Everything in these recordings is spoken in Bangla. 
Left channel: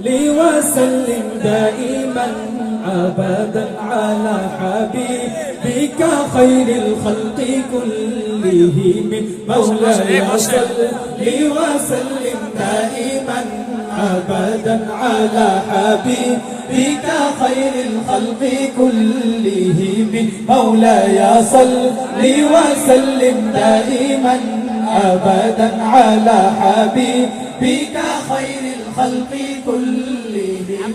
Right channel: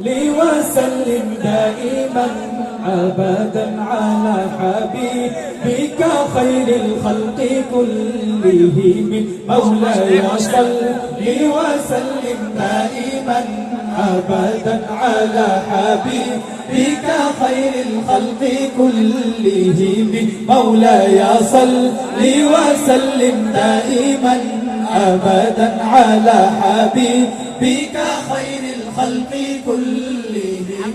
لي وسلم دائما ابدا على حبيبك خير الخلق كلهم. مولاي صل وسلم دائما ابدا على حبيبك خير الخلق كلهم. مولاي صل لي وسلم دائما ابدا على حبيبك خير الخلق كلهم.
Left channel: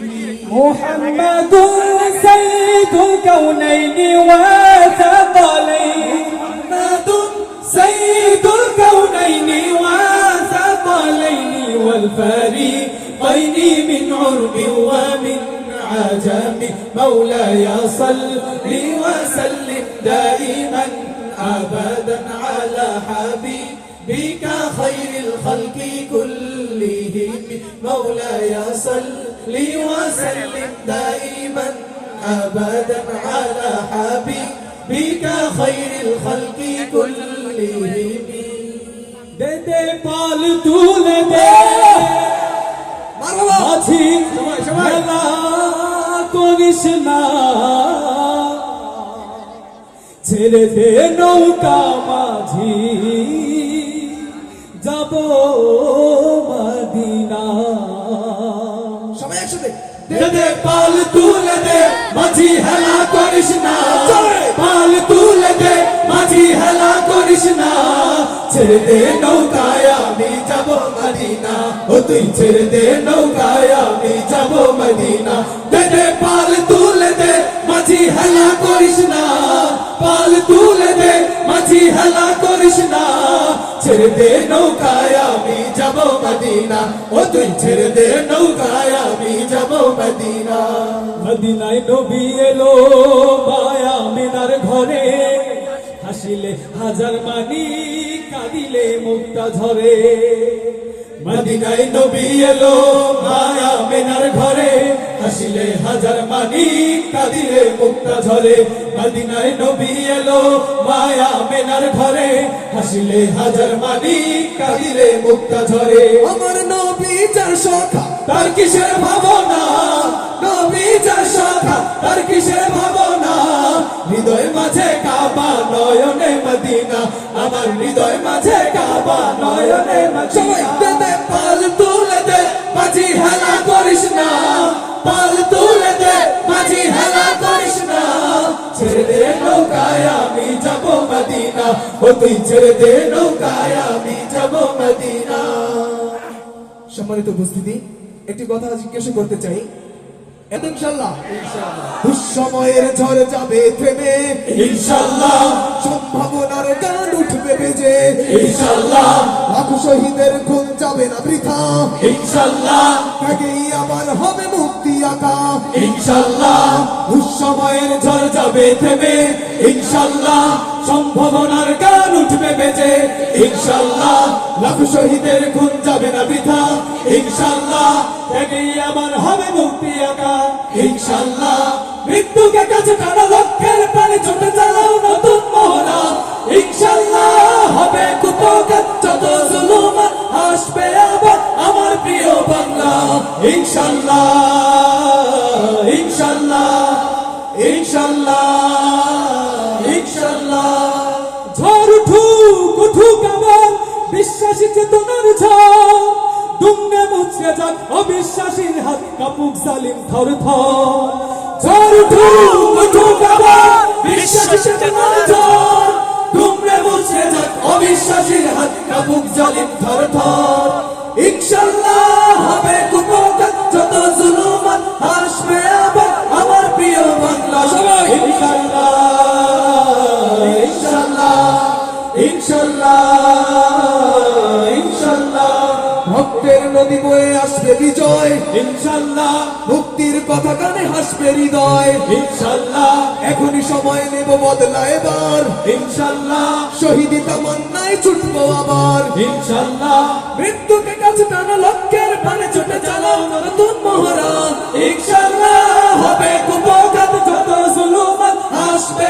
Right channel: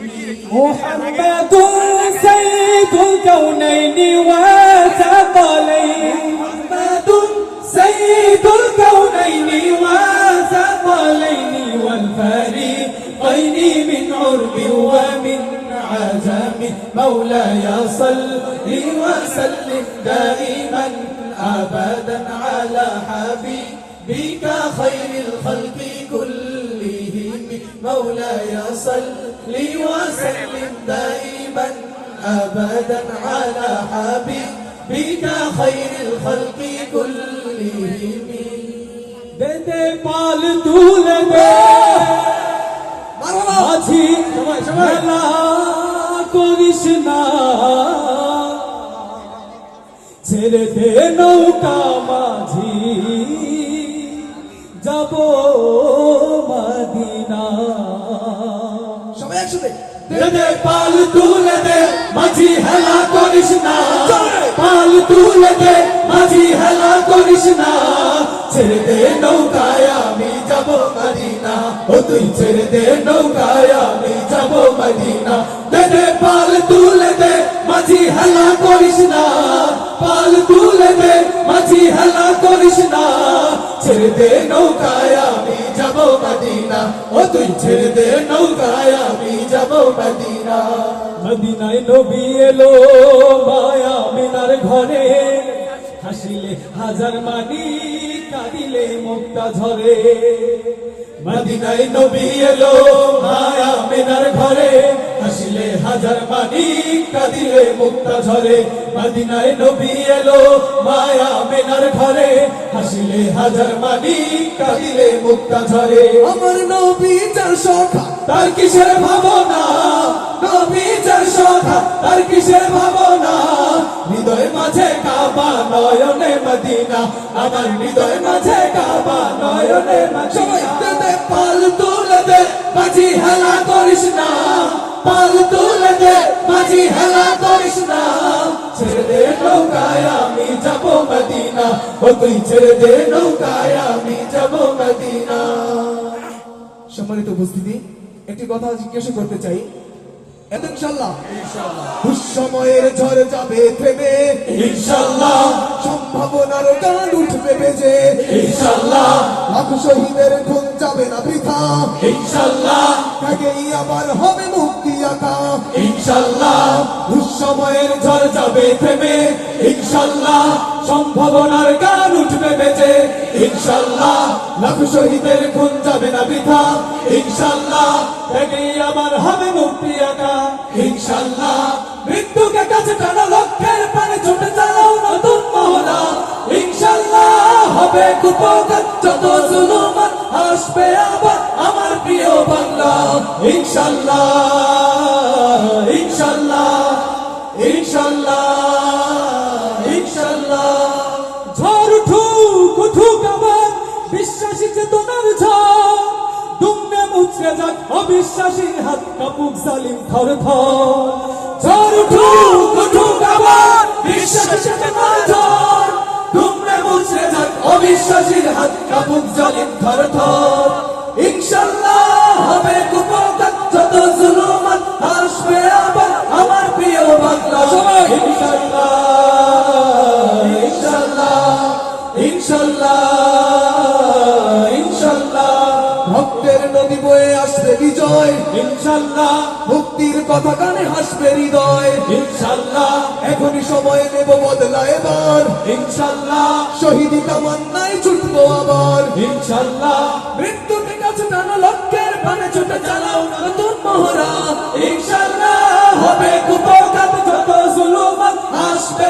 محمد سيد الكونين وثقلين. محمد سيد الكونين وثقلين. والفريقين من عرب ومن عجم. مولاي صل وسلم دائما. مولاي صل وسلم دائما ابدا على حبيبك خير الخلق كلهم দে দে পাল তুলে দে মাঝি খেলা করিস না ছেড়ে দে নৌকা মাঝি যাব মদিনা সবাই একসাথে দে পাল তুলে দে মাঝি হেলা করিস না। পাল তুলে দে মাঝি হেলা করিস না। ছেড়ে দে নৌকায় আমি যাব মদিনা। ও তুই ছেড়ে দে নৌকায় আমি ছেড়ে দে নৌকায় আমি যাব মদিনা। ও তুই ছেড়ে দে নৌকায় আমি যাব মদিনা। মদিনায় নবী এলো মায়া মিনার ঘরে। হাসিলে হাজার মানি কাঁদিলে মুক্তা ঝরে মদিনায় নবী এলো হাসিলে হাজার মানি কাঁদিলে মুক্তা ঝরে। মদিনায় নবী এলো মায়া মিনার ঘরে। হাসিলে হাজার মানি কাঁদিলে মুক্তা ঝরে। আমার নবী যার সখা তার কিসের ভাবনা? নবী যার সখা তার কিসের ভাবনা? হৃদয় মাঝে কাবা নয়নে মদিনা। আমার হৃদয় মাঝে কাবা নয়নে সবাই মদিনা দে পাল তুলে দে মাঝি হেলা করিস না। যাব মদিনা। ও তুই ছেড়ে দে নৌকায় আমি যাব মদিনা। সম্মানিত উপস্থিতি একটি কথা জিজ্ঞেস করতে চাই। এত ইনশাল্লাহ দুঃসময়ের ঝড় যাবে থেমে। ইনশাল্লাহ সম্ভাবনার গান উঠবে বেজে। ইনশাল্লাহ লাখ শহীদের খুন যাবে না বৃথা। ইনশাল্লাহ ত্যাগেই আবার হবে মুক্তি আঁকা। ইনশাল্লাহ দুঃসময়ের ঝড় যাবে থেমে। ইনশাল্লাহ সম্ভাবনার গান উঠবে বেঁচে। ইনশাল্লাহ লাখ শহীদের খুন যাবে না বৃথা। ইনশাল্লাহ এটি আবার হবে মুক্তি আঁকা। ইনশাল্লাহ মৃত্যুকে কাছে টানা লক্ষ্যের যাক অবিশ্বাসীর হাত কাপুক জালিম থর থর ঝড় উঠুক উঠুক আবার, বিশ্বাসী চেতনার যাক, অবিশ্বাসীর হাত কাপুক জালিম থর থর নদী বয়ে আসবে বিজয়। ইনশাল্লাহ মুক্তির কথা কানে হাসবে হৃদয়। ইনশাল্লাহ। এখনই সময় নেব বদলা এবার। ইনশাল্লাহ। শহীদি তামান্নায় ছুটবো আবার। ইনশাল্লাহ। মৃত্যুকে কাছে টানো লক্ষ্যের প্রাণে ছুটে চালাও নতুন মহড়া। ইনশাল্লাহ। হবে কুপকাত যত জুলুমান আসবে